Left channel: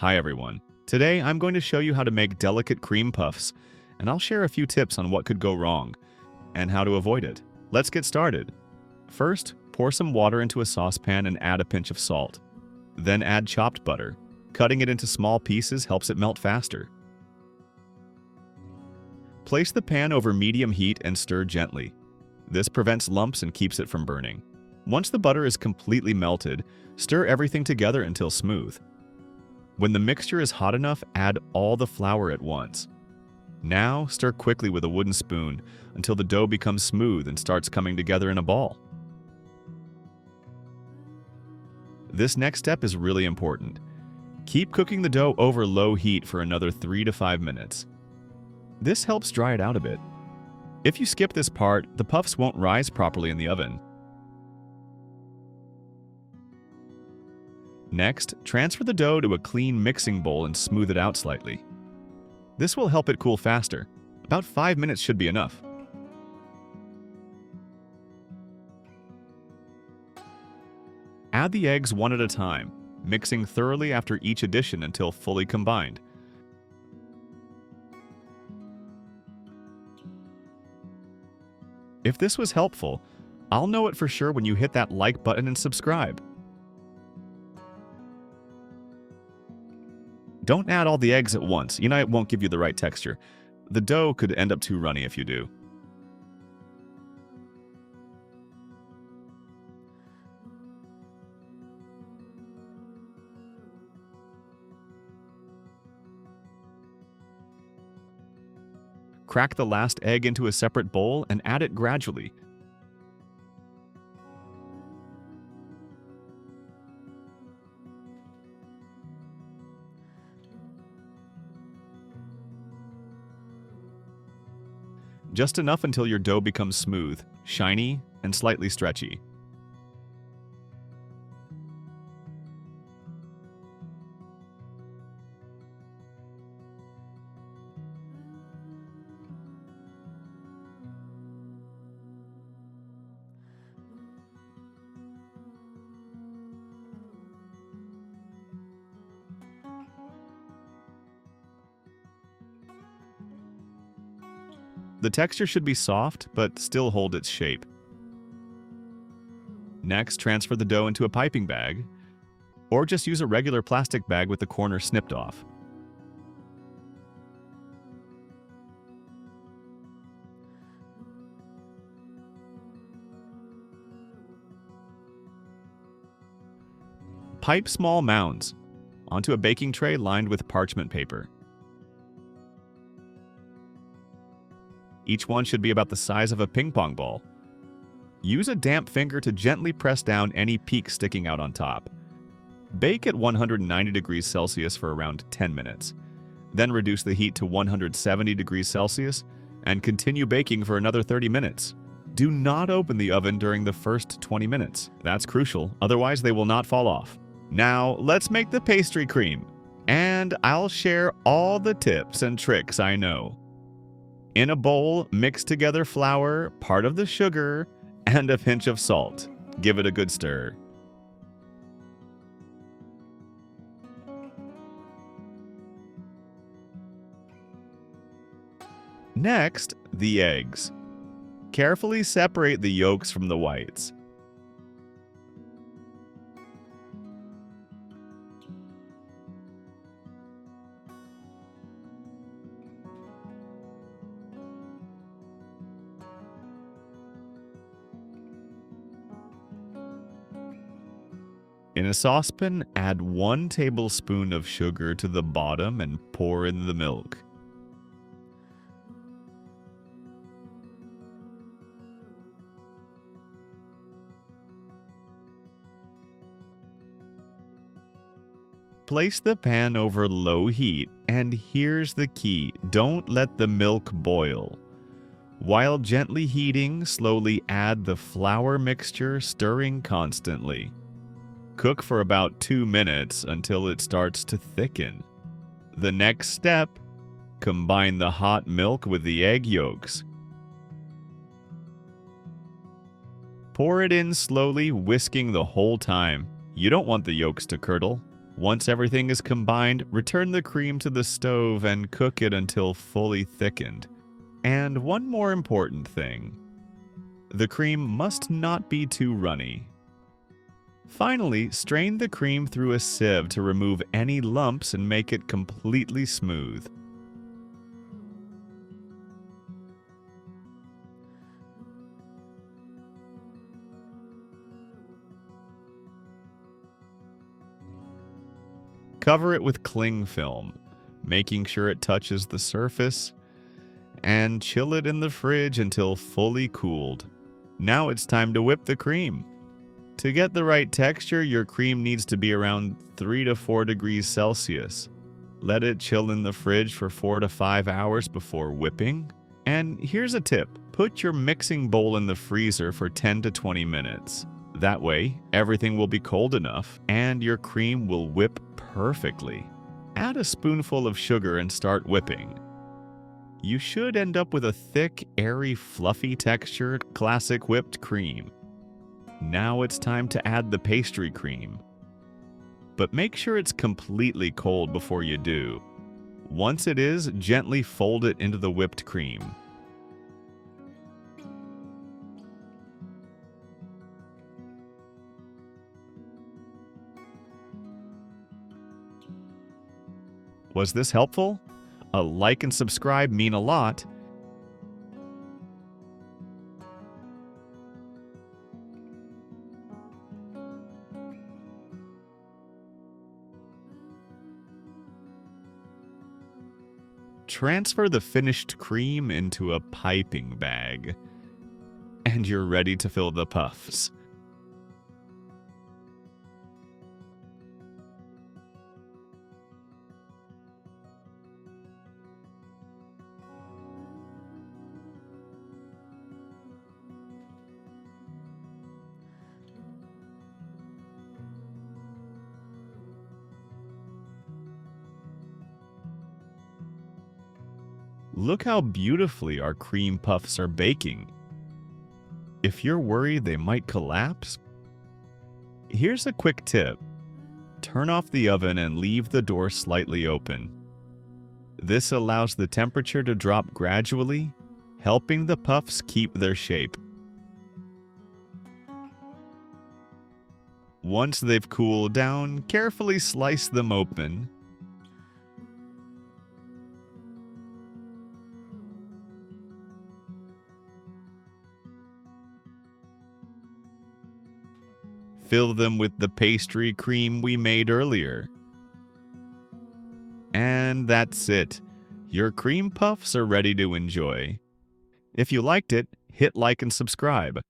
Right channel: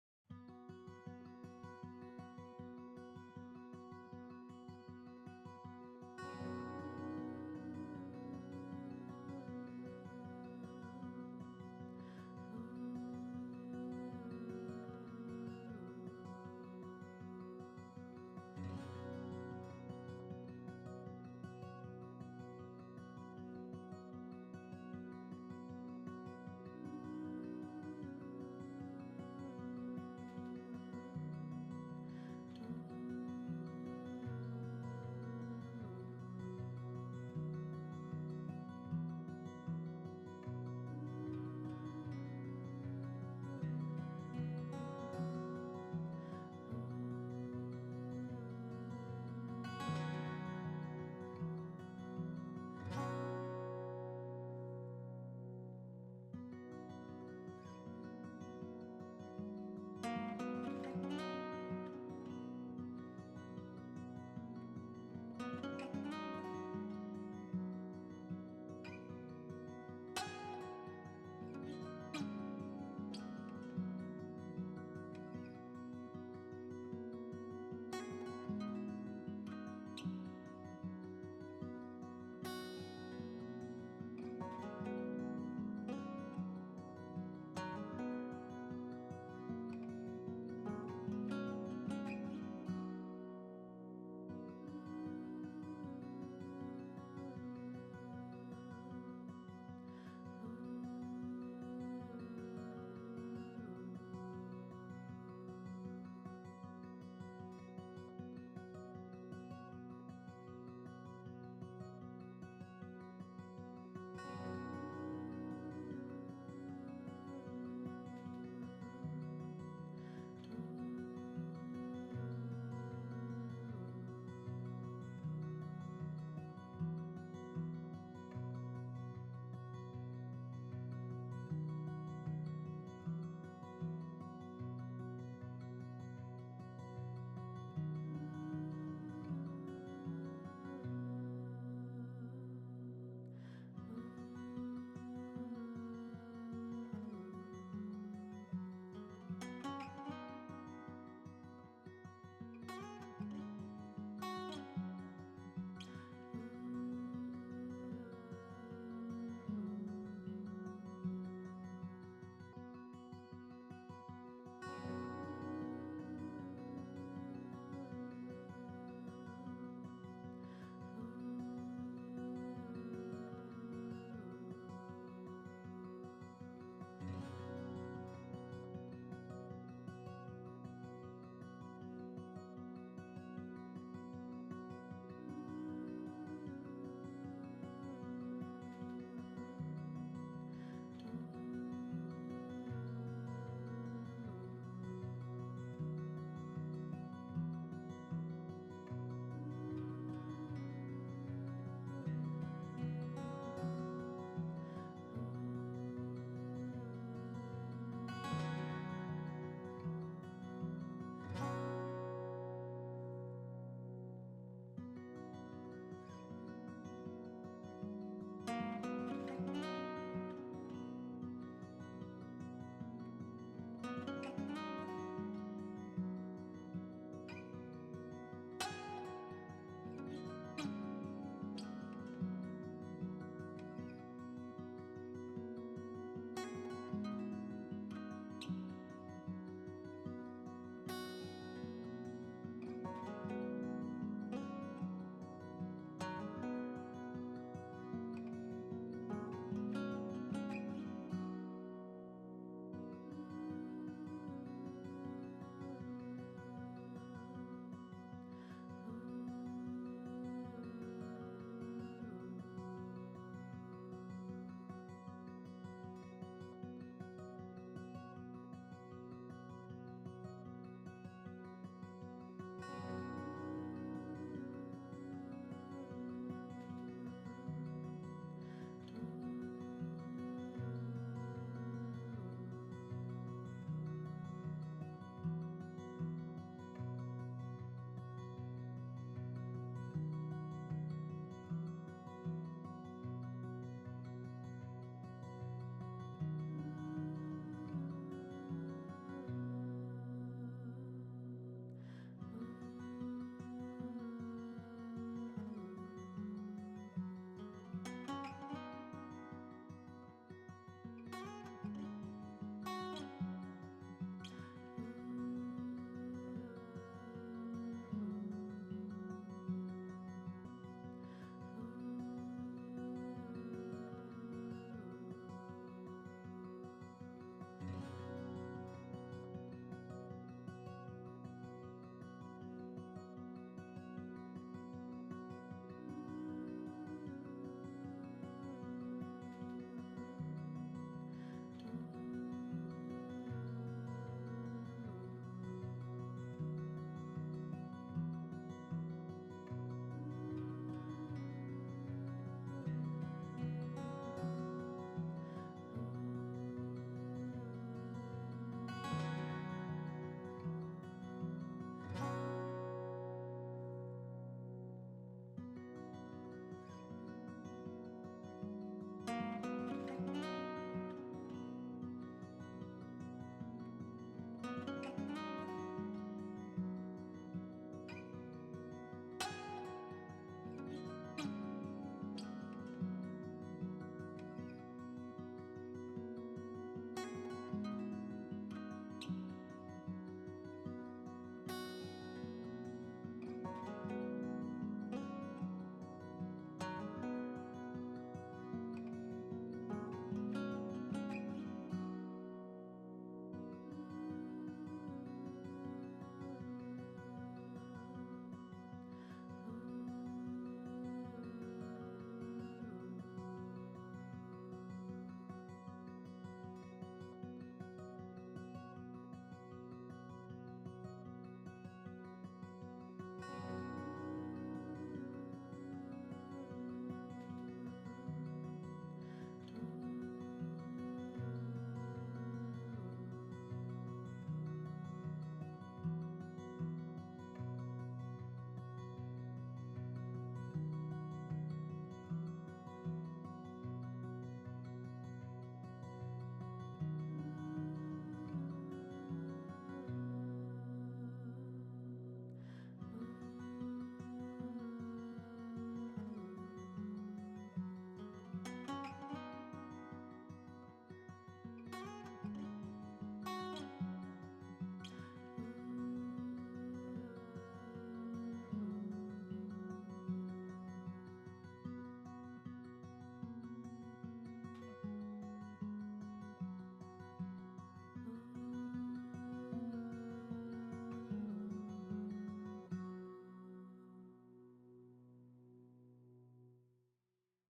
Hi everyone. Today I'm going to show you how to make delicate cream puffs, and I'll share a few tips on what could go wrong and how to avoid it. Let's get started. First, pour some water into a saucepan and add a pinch of salt. Then add chopped butter. Cutting it into small pieces helps it melt faster. Place the pan over medium heat and stir gently. This prevents lumps and keeps it from burning. Once the butter is completely melted, stir everything together until smooth. When the mixture is hot enough, add all the flour at once. Now, stir quickly with a wooden spoon until the dough becomes smooth and starts coming together in a ball. This next step is really important. Keep cooking the dough over low heat for another 3 to 5 minutes. This helps dry it out a bit. If you skip this part, the puffs won't rise properly in the oven. Next, transfer the dough to a clean mixing bowl and smooth it out slightly. This will help it cool faster. About 5 minutes should be enough. Add the eggs one at a time, mixing thoroughly after each addition until fully combined. If this was helpful, I'll know it for sure when you hit that like button and subscribe. Don't add all the eggs at once. It won't give you the right texture. The dough could end up too runny if you do. Crack the last egg into a separate bowl and add it gradually. Just enough until your dough becomes smooth, shiny, and slightly stretchy. The texture should be soft, but still hold its shape. Next, transfer the dough into a piping bag, or just use a regular plastic bag with the corner snipped off. Pipe small mounds onto a baking tray lined with parchment paper. Each one should be about the size of a ping pong ball. Use a damp finger to gently press down any peaks sticking out on top. Bake at 190 degrees Celsius for around 10 minutes. Then reduce the heat to 170 degrees Celsius and continue baking for another 30 minutes. Do not open the oven during the first 20 minutes. That's crucial, otherwise they will not fall off. Now, let's make the pastry cream. And I'll share all the tips and tricks I know. In a bowl, mix together flour, part of the sugar, and a pinch of salt. Give it a good stir. Next, the eggs. Carefully separate the yolks from the whites. In a saucepan, add 1 tablespoon of sugar to the bottom and pour in the milk. Place the pan over low heat, and here's the key: don't let the milk boil. While gently heating, slowly add the flour mixture, stirring constantly. Cook for about 2 minutes until it starts to thicken. The next step, combine the hot milk with the egg yolks. Pour it in slowly, whisking the whole time. You don't want the yolks to curdle. Once everything is combined, return the cream to the stove and cook it until fully thickened. And one more important thing. The cream must not be too runny. Finally, strain the cream through a sieve to remove any lumps and make it completely smooth. Cover it with cling film, making sure it touches the surface, and chill it in the fridge until fully cooled. Now it's time to whip the cream. To get the right texture, your cream needs to be around 3 to 4 degrees Celsius. Let it chill in the fridge for 4 to 5 hours before whipping. And here's a tip: put your mixing bowl in the freezer for 10 to 20 minutes. That way, everything will be cold enough and your cream will whip perfectly. Add a spoonful of sugar and start whipping. You should end up with a thick, airy, fluffy textured, classic whipped cream. Now it's time to add the pastry cream. But make sure it's completely cold before you do. Once it is, gently fold it into the whipped cream. Was this helpful? A like and subscribe mean a lot. Transfer the finished cream into a piping bag, and you're ready to fill the puffs. Look how beautifully our cream puffs are baking. If you're worried they might collapse, here's a quick tip. Turn off the oven and leave the door slightly open. This allows the temperature to drop gradually, helping the puffs keep their shape. Once they've cooled down, carefully slice them open. Fill them with the pastry cream we made earlier. And that's it. Your cream puffs are ready to enjoy. If you liked it, hit like and subscribe.